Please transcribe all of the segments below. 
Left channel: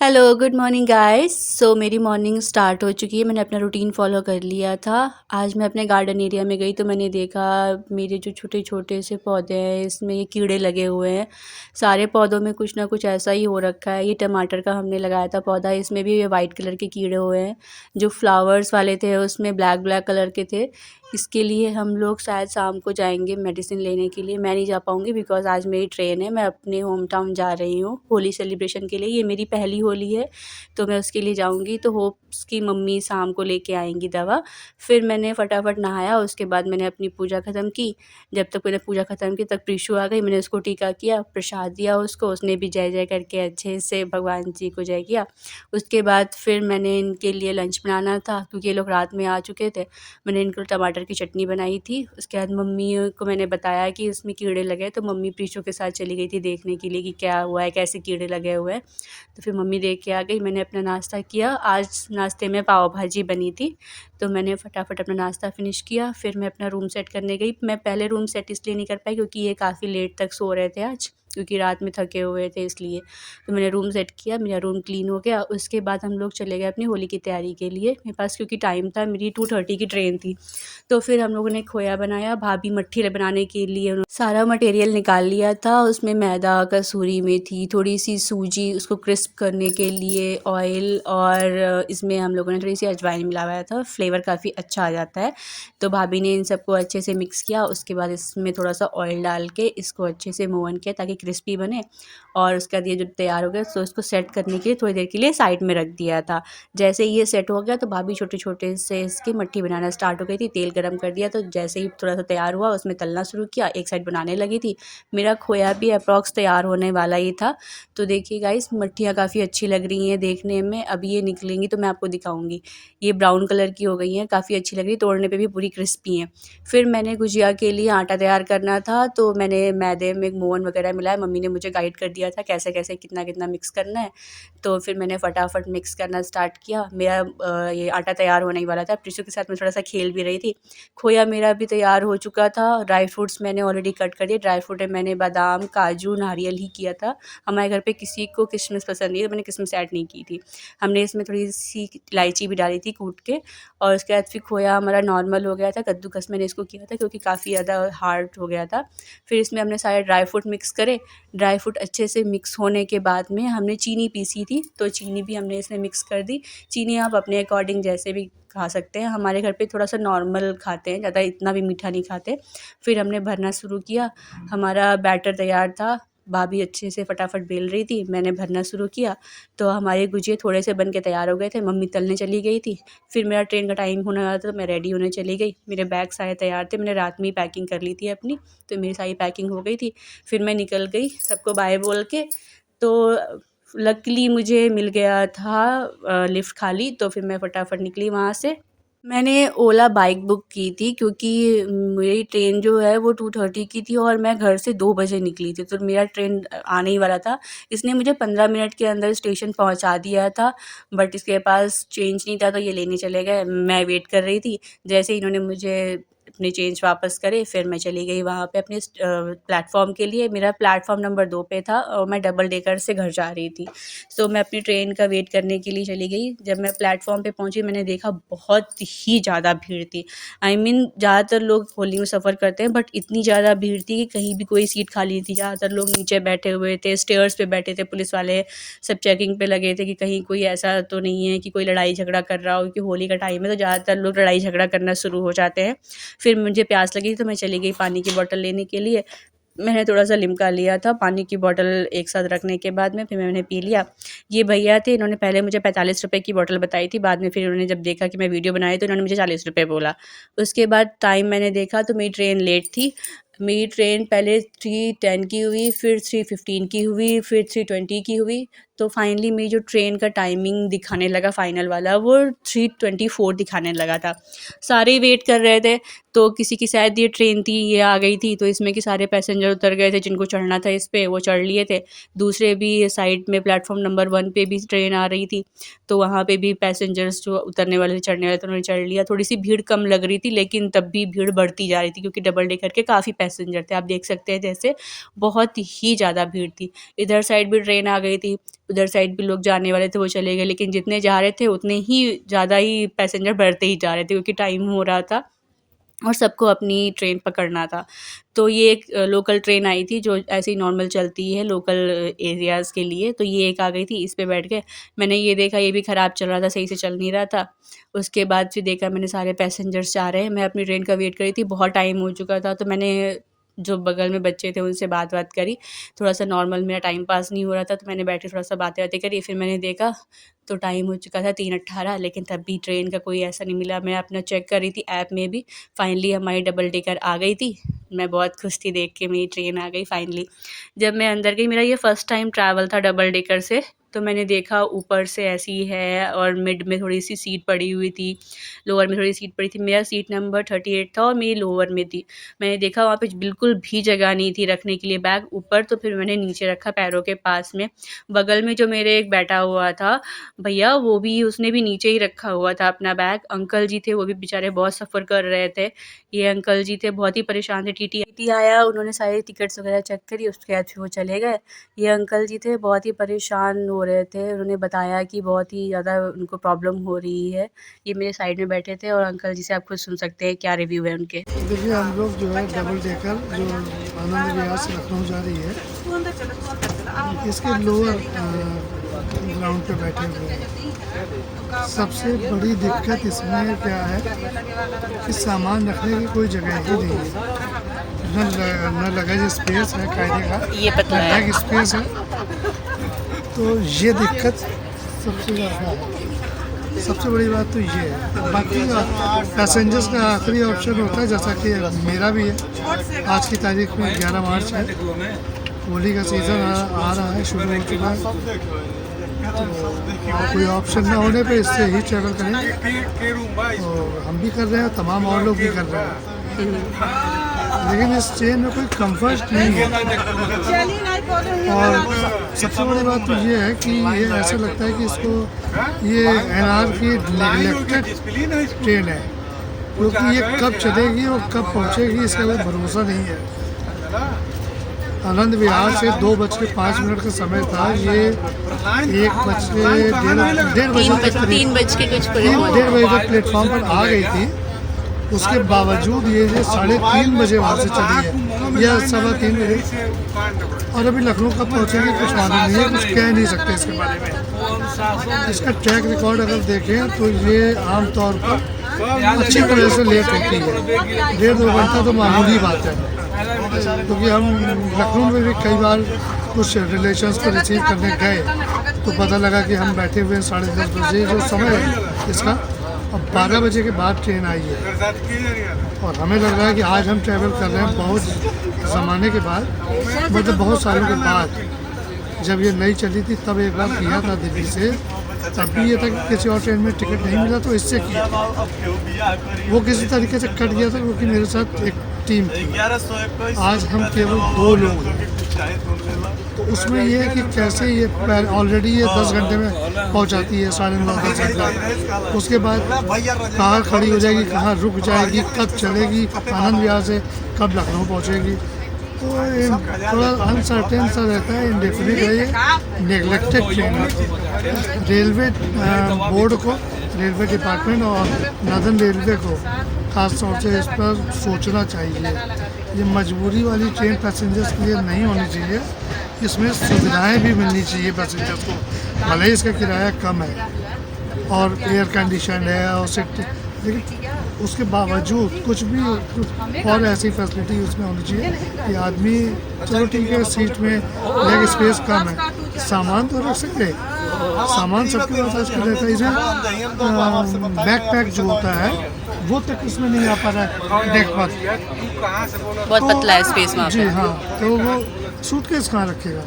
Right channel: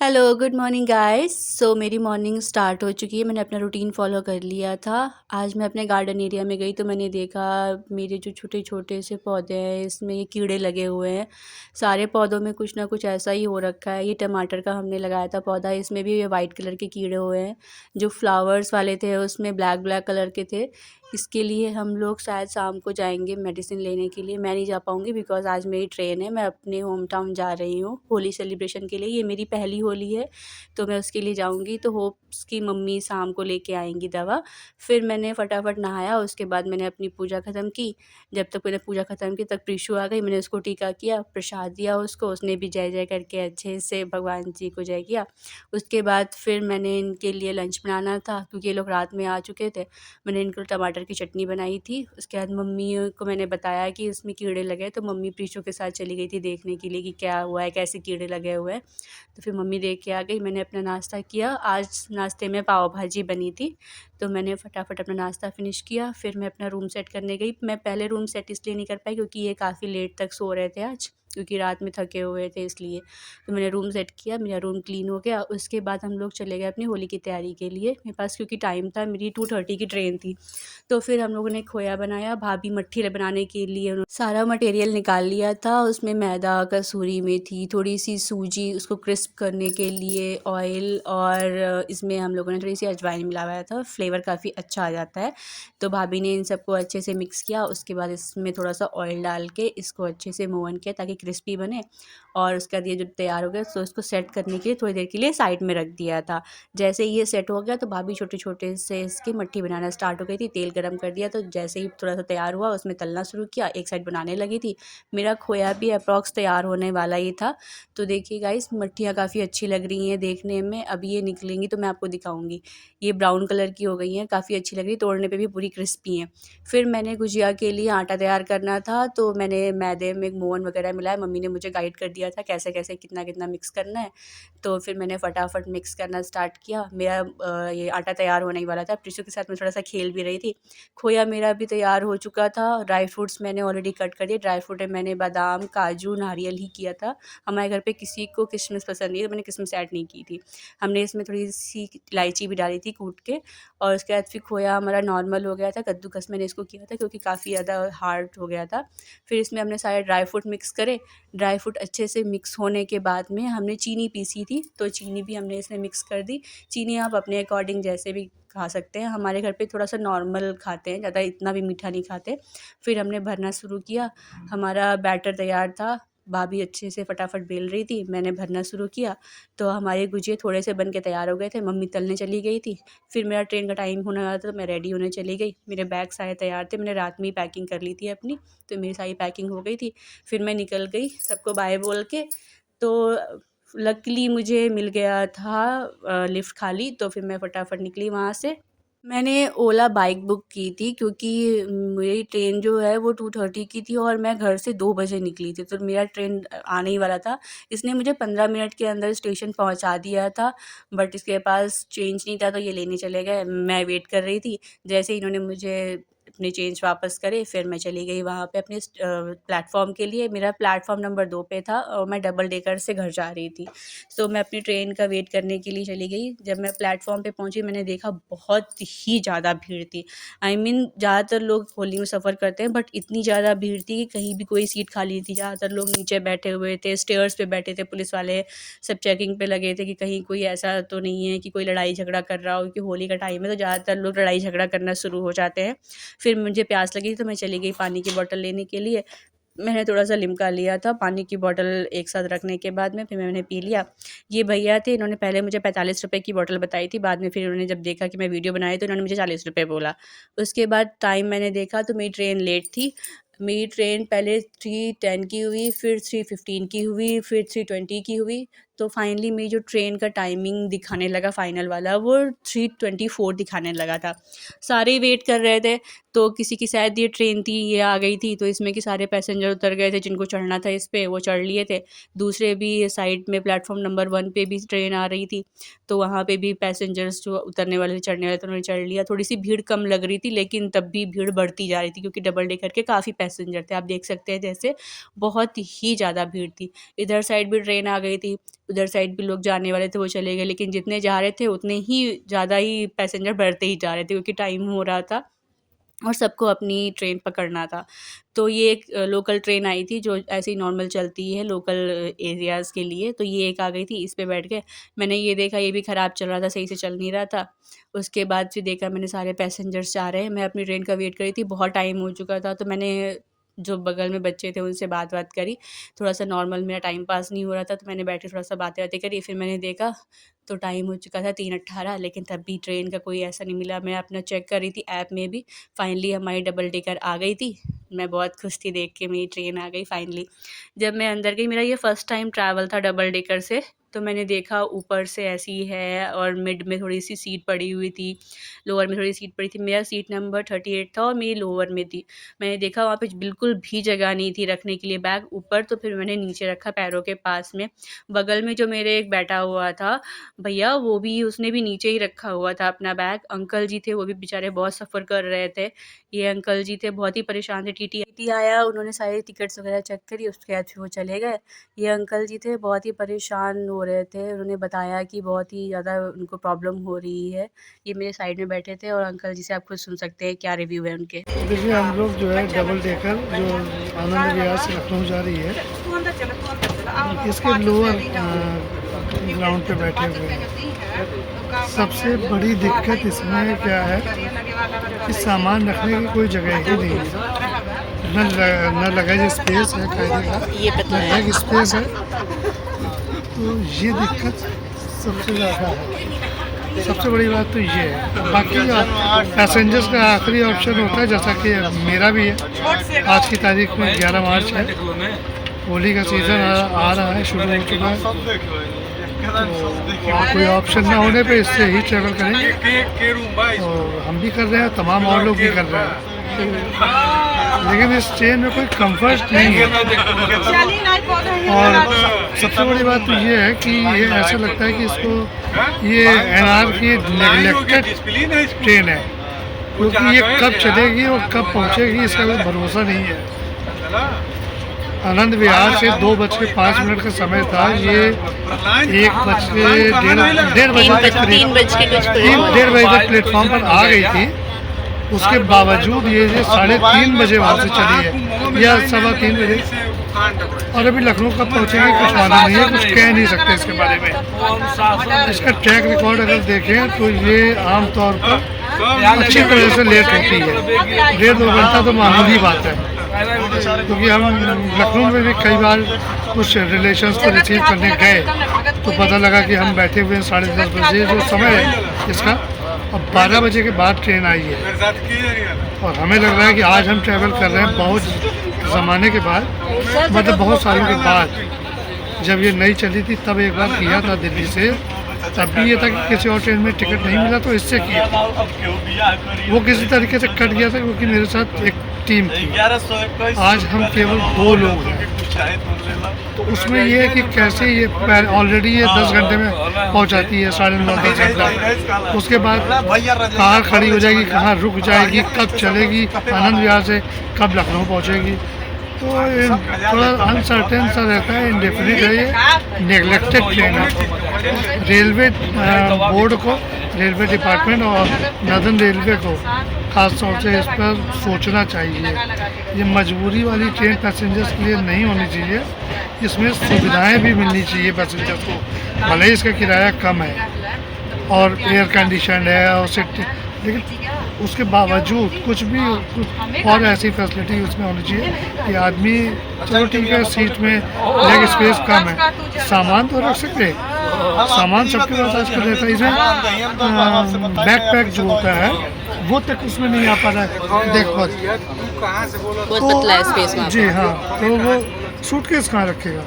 Hello good morning guys. मेरी morning start हो चुकी है। मैंने अपना रूटीन फॉलो कर लिया था। आज मैं अपने गार्डन एरिया में गई तो मैंने देखा मेरे जो छोटे छोटे से पौधे हैं इसमें ये कीड़े लगे हुए हैं। सारे पौधों में कुछ ना कुछ ऐसा ही हो रखा है। ये टमाटर का हमने लगाया था पौधा, इसमें भी ये वाइट कलर के कीड़े हुए हैं। जो फ्लावर्स वाले थे उसमें ब्लैक ब्लैक कलर के थे। इसके लिए हम लोग शायद शाम को जाएंगे मेडिसिन लेने के लिए। मैं नहीं जा पाऊँगी बिकॉज़ आज मेरी ट्रेन है। मैं अपने होम टाउन जा रही हूँ होली सेलिब्रेशन के लिए। ये मेरी पहली होली है तो मैं उसके लिए जाऊँगी। तो होप्स की मम्मी शाम को लेके आएँगी दवा। फिर मैंने फटाफट नहाया, उसके बाद मैंने अपनी पूजा ख़त्म की। जब तक मैंने पूजा ख़त्म की तब प्रीशु आ गई। मैंने उसको टीका किया, प्रसाद दिया उसको, उसने भी जय जय करके अच्छे से भगवान जी को जय किया। उसके बाद फिर मैंने इनके लिए लंच बनाना था क्योंकि ये लोग रात में आ चुके थे। मैंने इनको टमाटर की चटनी बनाई थी। उसके बाद मम्मी को मैंने बताया कि इसमें कीड़े लगे हैं, तो मम्मी प्रीशु के साथ चली गई थी देखने के लिए कि क्या हुआ है, कैसे कीड़े लगे हुए हैं। तो फिर मम्मी देख के आ गई। मैंने अपना नाश्ता किया। आज नाश्ते में पाव भाजी बनी थी तो मैंने फटाफट अपना नाश्ता फिनिश किया। फिर मैं अपना रूम सेट करने गई। मैं पहले रूम सेट इसलिए नहीं कर पाई क्योंकि ये काफ़ी लेट तक सो रहे थे आज, क्योंकि रात में थके हुए थे इसलिए। तो मैंने रूम सेट किया, मेरा रूम क्लीन हो गया। उसके बाद हम लोग चले गए अपनी होली की तैयारी के लिए। मेरे पास क्योंकि टाइम था, मेरी 2:30 की ट्रेन थी। तो फिर हम लोगों ने खोया बनाया। भाभी मट्ठी बनाने के लिए उन्होंने सारा मटेरियल निकाल लिया था। उसमें मैदा, कसूरी मेथी, थोड़ी सी सूजी, उसको क्रिस्प करने के लिए ऑयल, और इसमें हम लोगों ने थोड़ी सी अजवाइन मिलाया था। फ्लेवर काफ़ी अच्छा आ जाता है। तो भाभी ने इन सबको अच्छे से मिक्स किया। उसके बाद इसमें थोड़ा सा ऑयल डाल के इसको अच्छे से मोवन किया ताकि क्रिस्पी बने। और उसके बाद ये जब तैयार हो गया तो इसको सेट करने के लिए थोड़ी देर के लिए साइड में रख दिया था। जैसे ही ये सेट हो गया तो भाभी छोटे छोटे से इसकी मट्ठी बनाना स्टार्ट हो गई थी। तेल गरम कर दिया तो जैसे ही थोड़ा सा तैयार हुआ उसमें तलना शुरू किया। एक साइड बनाने लगी थी। मेरा खोया भी अप्रॉक्स तैयार होने वाला ही था। तो देखिए गाइस, मट्ठियाँ काफ़ी अच्छी लग रही हैं देखने में। अभी ये निकलेंगी तो मैं आपको दिखाऊंगी। ये ब्राउन कलर की हो गई हैं, काफ़ी अच्छी लग रही है, तोड़ने पे भी पूरी क्रिस्पी हैं। फिर मैंने गुजिया के लिए आटा तैयार करना था तो मैंने मैदे में मोवन वगैरह मिलाया। मम्मी ने मुझे गाइड कर दिया था कैसे कैसे कितना कितना मिक्स करना है। तो फिर मैंने फटाफट मिक्स करना स्टार्ट किया। मेरा ये आटा तैयार होने ही वाला था। प्रीशु के साथ मैं थोड़ा सा खेल भी रही थी। खोया मेरा भी तैयार हो चुका था। ड्राई फ्रूट्स मैंने ऑलरेडी कट कर दिए। ड्राई फ्रूट में मैंने बादाम, काजू, नारियल ही किया था। हमारे घर पे किसी को किशमिश पसंद नहीं है तो मैंने किशमिश ऐड नहीं की थी। हमने इसमें थोड़ी सी इलायची भी डाली थी कूट के। और उसके बाद फिर खोया हमारा नॉर्मल हो गया था। कद्दूकस मैंने इसको किया था क्योंकि काफ़ी ज़्यादा हार्ड हो गया था। फिर इसमें हमने सारे ड्राई फ्रूट मिक्स करे। ड्राई फ्रूट अच्छे से मिक्स होने के बाद में हमने चीनी पीसी थी तो चीनी भी हमने इसमें मिक्स कर दी। चीनी आप अपने अकॉर्डिंग जैसे भी खा सकते हैं। हमारे घर पे थोड़ा सा नॉर्मल खाते हैं, ज़्यादा इतना भी मीठा नहीं खाते। फिर हमने भरना शुरू किया। हमारा बैटर तैयार था। भाभी अच्छे से फटाफट बेल रही थी, मैंने भरना शुरू किया। तो हमारे गुजिया थोड़े से बन के तैयार हो गए थे। मम्मी तलने चली गई थी। फिर मेरा ट्रेन का टाइम होने वाला था तो मैं रेडी होने चली गई। मेरे बैग सारे तैयार थे, मैंने रात में ही पैकिंग कर ली थी अपनी। तो मेरी सारी पैकिंग हो गई थी। फिर मैं निकल गई सबको बाय बोल के। तो लकीली मुझे मिल गया था लिफ्ट खाली, तो फिर मैं फटाफट निकली वहाँ से। मैंने ओला बाइक बुक की थी क्योंकि मेरी ट्रेन जो है वो 2:30 की थी और मैं घर से 2 बजे निकली थी, तो मेरा ट्रेन आने ही वाला था। इसने मुझे 15 मिनट के अंदर स्टेशन पहुंचा दिया था, बट इसके पास चेंज नहीं था तो ये लेने चले गए। मैं वेट कर रही थी। जैसे ही इन्होंने मुझे अपने चेंज वापस करे फिर मैं चली गई वहाँ पे अपने प्लेटफॉर्म के लिए। मेरा प्लेटफॉर्म नंबर 2 पे था और मैं डबल डेकर से घर जा रही थी। तो मैं अपनी ट्रेन का वेट करने के लिए चली गई। जब मैं प्लेटफॉर्म पे पहुंची मैंने देखा बहुत ही ज़्यादा भीड़ थी। आई मीन ज़्यादातर लोग होली में सफ़र करते हैं बट इतनी ज़्यादा भीड़ थी कि कहीं भी कोई सीट खाली नहीं थी। ज़्यादातर लोग नीचे बैठे हुए थे, स्टेयर्स पे बैठे थे। पुलिस वाले सब चेकिंग पे लगे थे कि कहीं कोई ऐसा तो नहीं है कि कोई लड़ाई झगड़ा कर रहा हो, क्योंकि होली का टाइम है तो ज़्यादातर लोग लड़ाई झगड़ा करना शुरू हो जाते हैं। फिर मुझे प्यास लगी तो मैं चली गई पानी की बॉटल लेने के लिए। मैंने थोड़ा-सा लिम्का लिया था। पानी की बॉटल एक साथ रखने के बाद में फिर मैंने पी लिया। ये भैया थे, इन्होंने पहले मुझे 45 रुपए की बॉटल बताई थी, बाद में फिर इन्होंने जब देखा कि मैं वीडियो बना रही तो इन्होंने मुझे 40 रुपए बोला। उसके बाद टाइम मैंने देखा तो मेरी ट्रेन लेट थी। मेरी ट्रेन पहले 3:10 की हुई, फिर 3:15 की हुई, फिर 3:20 की हुई। तो फाइनली मेरी जो ट्रेन का टाइमिंग दिखाने लगा फाइनल वाला वो 3:24 दिखाने लगा था। सारे वेट कर रहे थे तो किसी की शायद ये ट्रेन थी, ये आ गई थी तो इसमें कि सारे पैसेंजर उतर गए थे, जिनको चढ़ना था इस पे वो चढ़ लिए थे। दूसरे भी साइड में प्लेटफॉर्म नंबर 1 पे भी ट्रेन आ रही थी तो वहाँ पे भी पैसेंजर्स जो उतरने वाले थे चढ़ने वाले थे उन्होंने चढ़ लिया। थोड़ी सी भीड़ कम लग रही थी लेकिन तब भी भीड़ बढ़ती जा रही थी क्योंकि डबल डेकर के काफ़ी पैसेंजर थे। आप देख सकते हैं जैसे बहुत ही ज़्यादा भीड़ थी। इधर साइड भी ट्रेन आ गई थी। उधर साइड भी लोग जाने वाले थे, वो चले गए, लेकिन जितने जा रहे थे उतने ही ज़्यादा ही पैसेंजर बढ़ते ही जा रहे थे क्योंकि टाइम हो रहा था और सबको अपनी ट्रेन पकड़ना था। तो ये एक लोकल ट्रेन आई थी जो ऐसे ही नॉर्मल चलती है लोकल एरियाज़ के लिए, तो ये एक आ गई थी, इस पे बैठ गए। मैंने ये देखा ये भी ख़राब चल रहा था, सही से चल नहीं रहा था। उसके बाद फिर देखा मैंने सारे पैसेंजर्स जा रहे हैं, मैं अपनी ट्रेन का वेट कर रही थी, बहुत टाइम हो चुका था, तो मैंने जो बगल में बच्चे थे उनसे बात करी, थोड़ा-सा नॉर्मल मेरा टाइम पास नहीं हो रहा था, तो मैंने बैठ के थोड़ा-सा बातें-वातें करी। फिर मैंने देखा तो टाइम हो चुका था 3:18, लेकिन तब भी ट्रेन का कोई ऐसा नहीं मिला। मैं अपना चेक कर रही थी ऐप में भी, फाइनली हमारी डबल डेकर आ गई थी। मैं बहुत खुश थी देख के मेरी ट्रेन आ गई फाइनली। जब मैं अंदर गई, मेरा ये फर्स्ट टाइम ट्रैवल था डबल डेकर से, तो मैंने देखा ऊपर से ऐसी है और मिड में थोड़ी-सी सीट पड़ी हुई थी, लोअर में थोड़ी सीट पड़ी थी। मेरा सीट नंबर 38 था और मेरी लोअर में थी। मैंने देखा वहाँ पे बिल्कुल भी जगह नहीं थी रखने के लिए बैग ऊपर, तो फिर मैंने नीचे रखा पैरों के पास में। बगल में जो मेरे एक बैठा हुआ था भैया, वो भी उसने भी नीचे ही रखा हुआ था अपना बैग। अंकल जी थे, वो भी बेचारे बहुत सफ़र कर रहे थे। ये अंकल जी थे, बहुत ही परेशान थे। टीटी आया, उन्होंने सारी टिकट्स वगैरह चेक करी, उसके बाद फिर वो चले गए। ये अंकल जी थे, बहुत ही परेशान हो रहे थे। उन्होंने बताया कि बहुत ही ज़्यादा उनको प्रॉब्लम हो रही है। ये मेरे साइड में बैठे थे और अंकल जी से आप खुद सुन सकते हैं क्या रिव्यू है उनके। देखिए, हम लोग जो है डबल डेकर जो आनंद विहार से लखनऊ जा रही है, इसके लोअर ग्राउंड पे बैठे हुए हैं। सबसे बड़ी दिक्कत इसमें क्या है कि सामान रखने की कोई जगह ही नहीं है। न लगेज स्पेस है कायदे का, ये पता न है। बैग स्पेस है। तो ये दिक्कत सबसे ज़्यादा है। सबसे बड़ी बात तो ये है। बाकी पैसेंजर्स का आखिरी ऑप्शन होता है, जैसा कि मेरा भी है। आज की तारीख में 11 मार्च है, होली का सीज़न आ रहा है, शुरू हो चुका है। तो कोई ऑप्शन ना होने पे इससे ही ट्रैवल करेंगे और हम भी कर रहे हैं, तमाम और लोग भी कर रहे हैं। लेकिन इस ट्रेन में कोई कंफर्ट नहीं है। और सबसे बड़ी बात तो ये है कि ये ऐसा लगता है कि इसको ये एनआर की नेगलेक्टेड ट्रेन है, क्योंकि ये कब चलेगी और कब पहुंचेगी इसका कोई भरोसा नहीं है। आनंद विहार से 2:05 का समय था, ये 1:30 बजे तक 3 बज के कुछ 3:30 बजे तक प्लेटफॉर्म पर आ गई थी। उसके बावजूद ये 3:30 बजे वहाँ से चली है या 3:15 बजे, और अभी लखनऊ कब पहुँचेगी कुछ मालूम नहीं है, कुछ कह नहीं सकते इसके बारे में। इसका ट्रैक रिकॉर्ड अगर देखें तो ये आमतौर पर अच्छी तरह से लेट होती है। 1.5-2 घंटा तो मामूली बात है, क्योंकि हम लखनऊ में भी कई बार कुछ रिलेशंस को रिसीव करने गए तो पता लगा कि हम बैठे हुए हैं 10:30 बजे जो समय है इसका, अब 12 बजे के बाद ट्रेन आई है। और हमें लग रहा है कि आज हम ट्रैवल कर रहे हैं बहुत ज़माने के बाद, मतलब बहुत सालों के बाद। जब ये नई चली थी तब एक बार किया था दिल्ली से, तब भी ये था कि किसी और ट्रेन में टिकट नहीं मिला तो इससे किया। वो किसी तरीके से कट गया था क्योंकि मेरे साथ एक टीम थी। आज हम केवल 2 लोग हैं, तो उसमें ये है कि कैसे ये ऑलरेडी ये 10 घंटे में पहुंचाती है, 9:30-10 घंटा। उसके बाद कहाँ खड़ी हो जाएगी, कहाँ रुक जाएगी, कब चलेगी आनंद विहार से, कब लखनऊ पहुंचेगी। तो ये थोड़ा अनसर्टेन सा रहता है, इंडेफिनिट है, ये नेगलेक्टेड ट्रेन है। रेलवे बोर्ड को, रेलवे डिपार्टमेंट और नॉर्दर्न रेलवे को खास तौर से इस पर सोचना चाहिए। ये मजबूरी वाली ट्रेन पैसेंजर्स के लिए नहीं होनी चाहिए, इसमें सुविधाएं भी मिलनी चाहिए पैसेंजर्स को। भले ही इसका किराया कम है और एयर कंडीशन है और सीट, लेकिन उसके बावजूद कुछ और ऐसी फैसिलिटी उसमें होनी चाहिए कि आदमी, चलो ठीक है सीट में लेग स्पेस कम है, सामान तो रख सकते हैं, सामान सबके पास आजकल रहता है। इसमें बैकपैक जो होता है वो तक उसमें नहीं आ पा रहा है, देख पाते बहुत पतला है स्पेस में। जी हाँ, तो वो सूटकेस कहाँ रखेगा?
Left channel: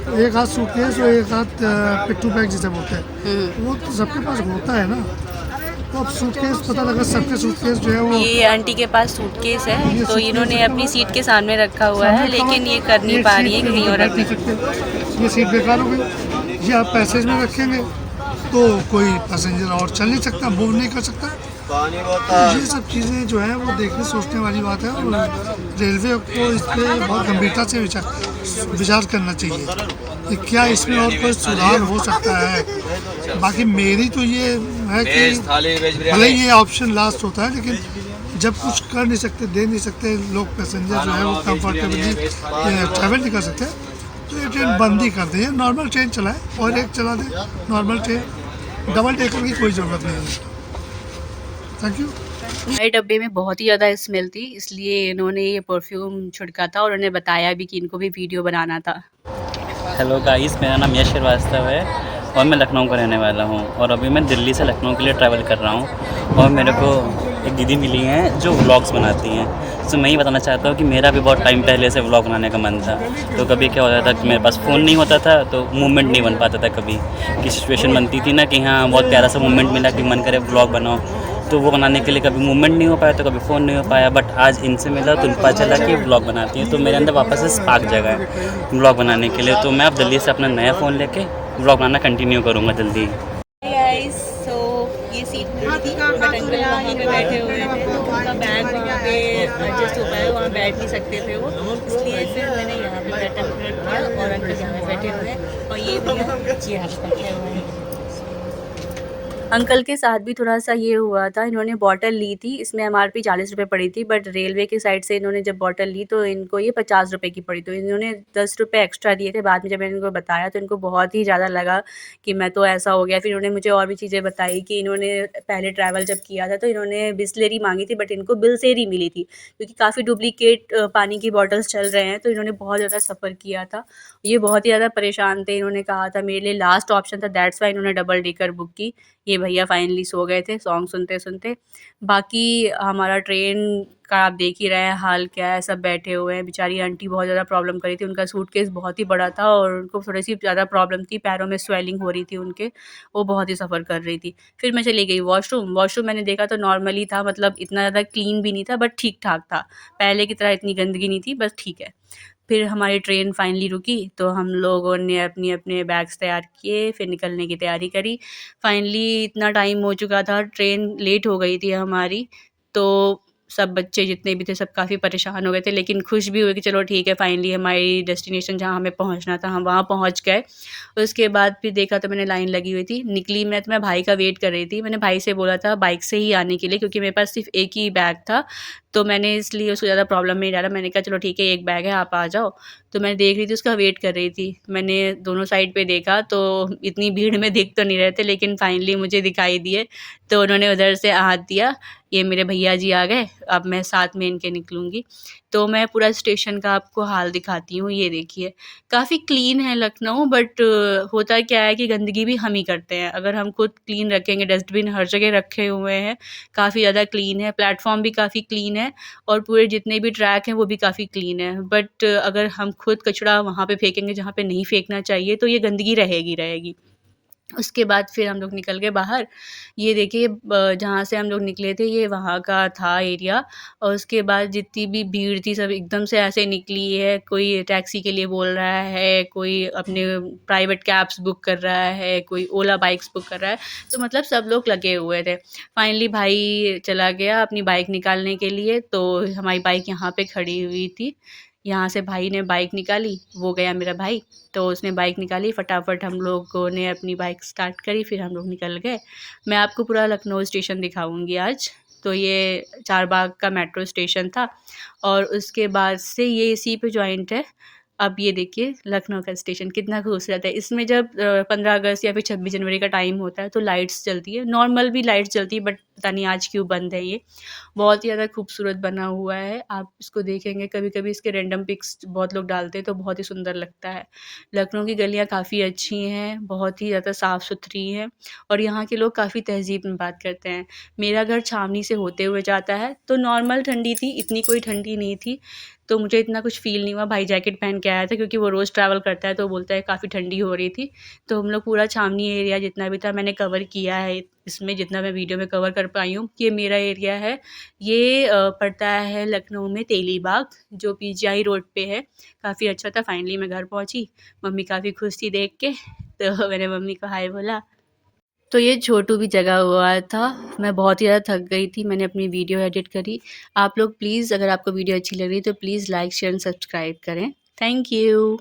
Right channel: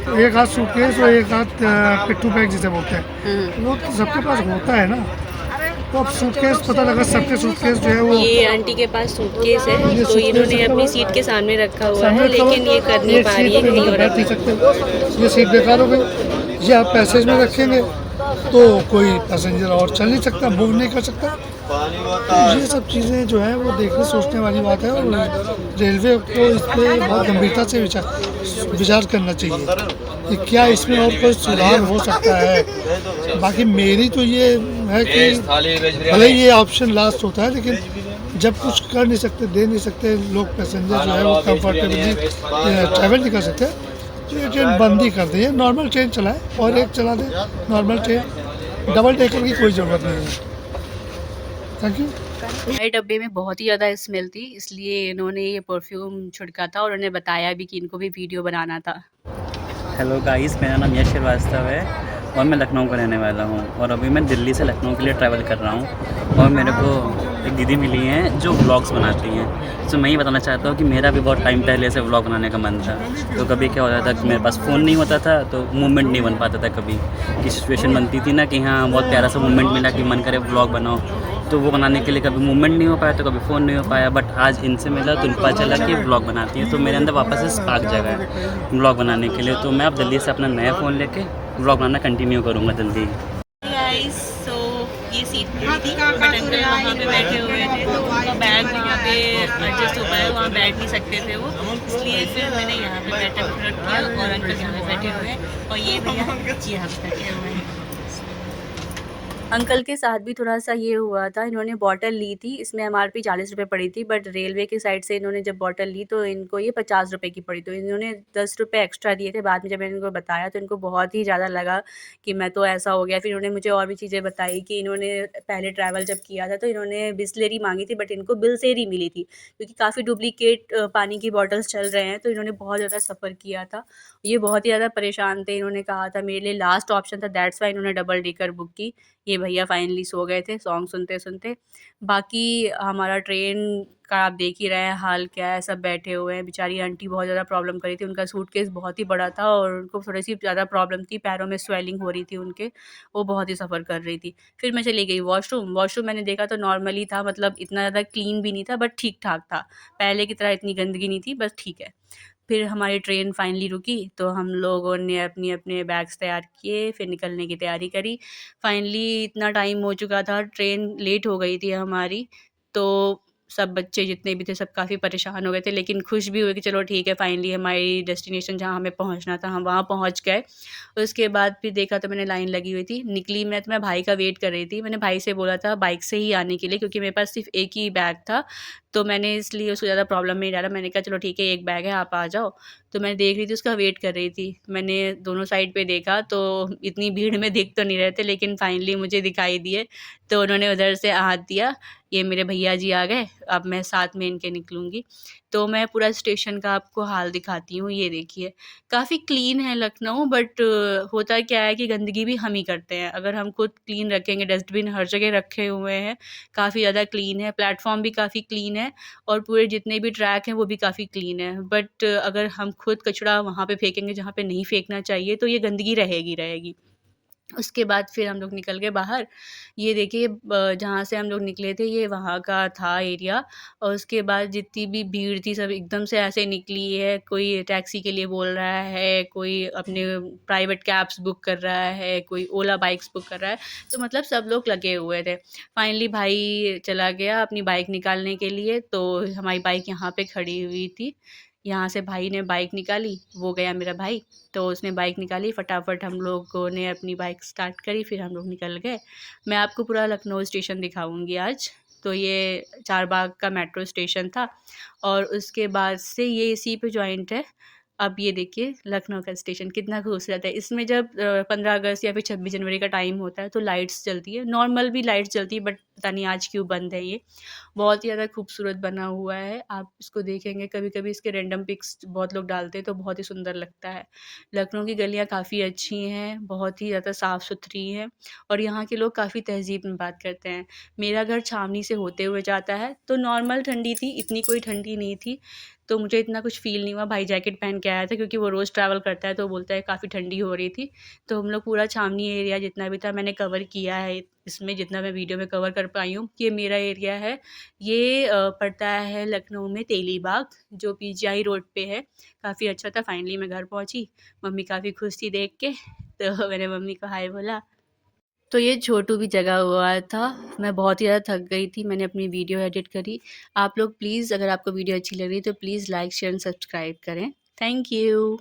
तो एक हाथ सूटकेस और एक हाथ पिट्ठू बैग जिसे बोलते हैं, वो तो सबके पास होता है ना। तो अब सूटकेस, पता लगा सबके सूटकेस जो है वो, ये आंटी के पास सूटकेस है तो इन्होंने अपनी सीट के सामने रखा हुआ है, लेकिन ये कर नहीं पा रही है कहीं और रखने। ये सीट बेकार हो गई। ये आप पैसेज में रखेंगे तो कोई पैसेंजर और चल नहीं सकता, मूव नहीं कर सकता। तो ये सब चीज़ें जो है वो देखने सोचने वाली बात है, और रेलवे को इस पर बहुत गंभीरता से विचार करना चाहिए कि क्या इसमें और कोई सुधार हो सकता है। बाकी मेरी तो ये है कि भले ही ये ऑप्शन लास्ट होता है, लेकिन जब कुछ कर नहीं सकते, दे नहीं सकते लोग, पैसेंजर जो है वो कंफर्टेबली ट्रैवल नहीं कर सकते, तो ये ट्रेन बंद ही कर दे, नॉर्मल ट्रेन चलाए और एक चला दे नॉर्मल ट्रेन, डबल डेकर की कोई ज़रूरत नहीं है। Thank you. हमारे डब्बे में बहुत ही ज़्यादा स्मेल थी, इसलिए इन्होंने ये परफ्यूम छिड़का था और उन्हें बताया भी कि इनको भी वीडियो बनाना था। हेलो गाइस, मेरा नाम यश श्रीवास्तव है और मैं लखनऊ का रहने वाला हूँ, और अभी मैं दिल्ली से लखनऊ के लिए ट्रैवल कर रहा हूँ। और मेरे को एक दीदी मिली हैं जो व्लॉग्स बनाती हैं, तो मैं ये बताना चाहता हूँ कि मेरा भी बहुत टाइम पहले से व्लॉग बनाने का मन था। तो कभी क्या होता था कि मेरे पास फ़ोन नहीं होता था, तो मूवमेंट नहीं बन पाता था। कभी की सिचुएशन बनती थी ना कि हाँ बहुत प्यारा सा मूवमेंट मिला कि मन करे व्लॉग बनाओ, तो वो बनाने के लिए कभी मूवमेंट नहीं हो पाया, तो कभी फ़ोन नहीं हो पाया। बट आज इनसे मिला तो पता चला कि व्लॉग बनाती हैं, तो मेरे अंदर वापस से स्पार्क जगह है व्लॉग बनाने के लिए। तो मैं अब दिल्ली से अपना नया फ़ोन लेके व्लॉग बनाना कंटिन्यू करूँगा जल्दी। गाइस, सो ये सीट मिली थी बट अंकल वहाँ पे बैठे हुए थे, तो उनका बैग वहाँ पे एडजस्ट हो पाया, वहाँ बैठ नहीं सकते थे वो, इसलिए फिर मैंने यहाँ पे बैठा प्रेफर किया और अंकल यहाँ पे बैठे हुए हैं और ये भैया यहाँ पे बैठे हुए हैं। अंकल के साथ भी थोड़ा सा ये हुआ था, इन्होंने बॉटल ली थी, इसमें MRP 40 रुपये पड़ी थी, बट रेलवे की साइड से इन्होंने जब बॉटल ली तो इनको ये 50 रुपये की पड़ी, तो इन्होंने 10 रुपये एक्स्ट्रा दिए थे। बाद में जब मैंने इनको बताया तो इनको बहुत ही ज़्यादा लगा कि मैं तो ऐसा हो गया। फिर इन्होंने मुझे और भी चीज़ें बताई कि इन्होंने पहले ट्रैवल जब किया था तो इन्होंने बिसलेरी मांगी थी, बट इनको बिसलेरी मिली थी, क्योंकि काफ़ी डुप्लीकेट पानी की बॉटल्स चल रहे हैं, तो इन्होंने बहुत ज़्यादा सफ़र किया था। ये बहुत ही ज़्यादा परेशान थे, इन्होंने कहा था मेरे लिए लास्ट ऑप्शन था, दैट्स वाई इन्होंने डबल डेकर बुक की। ये भैया फाइनली सो गए थे सॉन्ग सुनते-सुनते। बाकी हमारा ट्रेन का आप देख ही रहे हैं हाल क्या है, सब बैठे हुए हैं। बेचारी आंटी बहुत ज़्यादा प्रॉब्लम कर रही थी, उनका सूटकेस बहुत ही बड़ा था और उनको थोड़ी-सी ज़्यादा प्रॉब्लम थी, पैरों में स्वेलिंग हो रही थी उनके, वो बहुत ही सफ़र कर रही थी। फिर मैं चली गई वॉशरूम, वॉशरूम मैंने देखा तो नॉर्मली था, मतलब इतना ज़्यादा क्लीन भी नहीं था बट ठीक-ठाक था। पहले की तरह इतनी गंदगी नहीं थी, बस ठीक है। फिर हमारी ट्रेन फाइनली रुकी, तो हम लोगों ने अपने बैग्स तैयार किए, फिर निकलने की तैयारी करी। फाइनली इतना टाइम हो चुका था, ट्रेन लेट हो गई थी हमारी, तो सब बच्चे जितने भी थे सब काफ़ी परेशान हो गए थे, लेकिन खुश भी हुए कि चलो ठीक है, फाइनली हमारी डेस्टिनेशन जहाँ हमें पहुँचना था हम वहाँ पहुँच गए। उसके बाद फिर देखा तो मैंने लाइन लगी हुई थी, निकली मैं तो मैं भाई का वेट कर रही थी। मैंने भाई से बोला था बाइक से ही आने के लिए, क्योंकि मेरे पास सिर्फ़ एक ही बैग था, तो मैंने इसलिए उसको ज़्यादा प्रॉब्लम में नहीं डाला। मैंने कहा चलो ठीक है, एक बैग है, आप आ जाओ। तो मैं देख रही थी, उसका वेट कर रही थी। मैंने दोनों साइड पे देखा तो इतनी भीड़ में दिख तो नहीं रहे थे, लेकिन फाइनली मुझे दिखाई दिए, तो उन्होंने उधर से हाथ दिया, ये मेरे भैया जी आ गए, अब मैं साथ में इनके निकलूँगी। तो मैं पूरा स्टेशन का आपको हाल दिखाती हूँ, ये देखिए। काफ़ी क्लीन है लखनऊ, बट होता क्या है कि गंदगी भी हम ही करते हैं। अगर हम खुद क्लीन रखेंगे, डस्टबिन हर जगह रखे हुए हैं, काफ़ी ज़्यादा क्लीन है, प्लेटफ़ॉर्म भी काफ़ी क्लीन है और पूरे जितने भी ट्रैक हैं वो भी काफ़ी क्लीन है। बट अगर हम खुद कचरा वहाँ पे फेंकेंगे जहाँ पे नहीं फेंकना चाहिए, तो ये गंदगी रहेगी रहेगी। उसके बाद फिर हम लोग निकल गए बाहर। ये देखिए जहाँ से हम लोग निकले थे ये वहाँ का था एरिया, और उसके बाद जितनी भी भीड़ थी सब एकदम से ऐसे निकली है। कोई टैक्सी के लिए बोल रहा है, कोई अपने प्राइवेट कैब्स बुक कर रहा है, कोई ओला बाइक्स बुक कर रहा है। तो मतलब सब लोग लगे हुए थे। फाइनली भाई चला गया अपनी बाइक निकालने के लिए, तो हमारी बाइक यहाँ पे खड़ी हुई थी। यहाँ से भाई ने बाइक निकाली, वो गया मेरा भाई, तो उसने बाइक निकाली, फटाफट हम लोगों ने अपनी बाइक स्टार्ट करी, फिर हम लोग निकल गए। मैं आपको पूरा लखनऊ स्टेशन दिखाऊंगी आज। तो ये चारबाग का मेट्रो स्टेशन था और उसके बाद से ये इसी पे जॉइंट है। अब ये देखिए लखनऊ का स्टेशन कितना खूबसूरत है। इसमें जब 15 अगस्त या फिर 26 जनवरी का टाइम होता है तो लाइट्स जलती है, नॉर्मल भी लाइट्स जलती है, बट पता नहीं आज क्यों बंद है ये। बहुत ही ज़्यादा खूबसूरत बना हुआ है, आप इसको देखेंगे कभी-कभी इसके रैंडम पिक्स बहुत लोग डालते हैं तो बहुत ही सुंदर लगता है। लखनऊ की गलियाँ काफ़ी अच्छी हैं, बहुत ही ज़्यादा साफ़-सुथरी हैं और यहाँ के लोग काफ़ी तहज़ीब में बात करते हैं। मेरा घर छावनी से होते हुए जाता है, तो नॉर्मल ठंडी थी, इतनी कोई ठंडी नहीं थी, तो मुझे इतना कुछ फ़ील नहीं हुआ। भाई जैकेट पहन के आया था क्योंकि वो रोज़ ट्रैवल करता है, तो बोलता है काफ़ी ठंडी हो रही थी। तो हम लोग पूरा छावनी एरिया जितना भी था मैंने कवर किया है, इसमें जितना मैं वीडियो में कवर कर पाई हूँ। ये मेरा एरिया है, ये पड़ता है लखनऊ में तेलीबाग, जो पीजीआई रोड पे है। काफ़ी अच्छा था। फाइनली मैं घर पहुँची, मम्मी काफ़ी खुश थी देख के, तो मैंने मम्मी को हाय बोला। तो ये छोटू भी जगा हुआ था। मैं बहुत ही ज़्यादा थक गई थी, मैंने अपनी वीडियो एडिट करी। आप लोग प्लीज़, अगर आपको वीडियो अच्छी लग रही है तो please like share and subscribe करें। Thank you.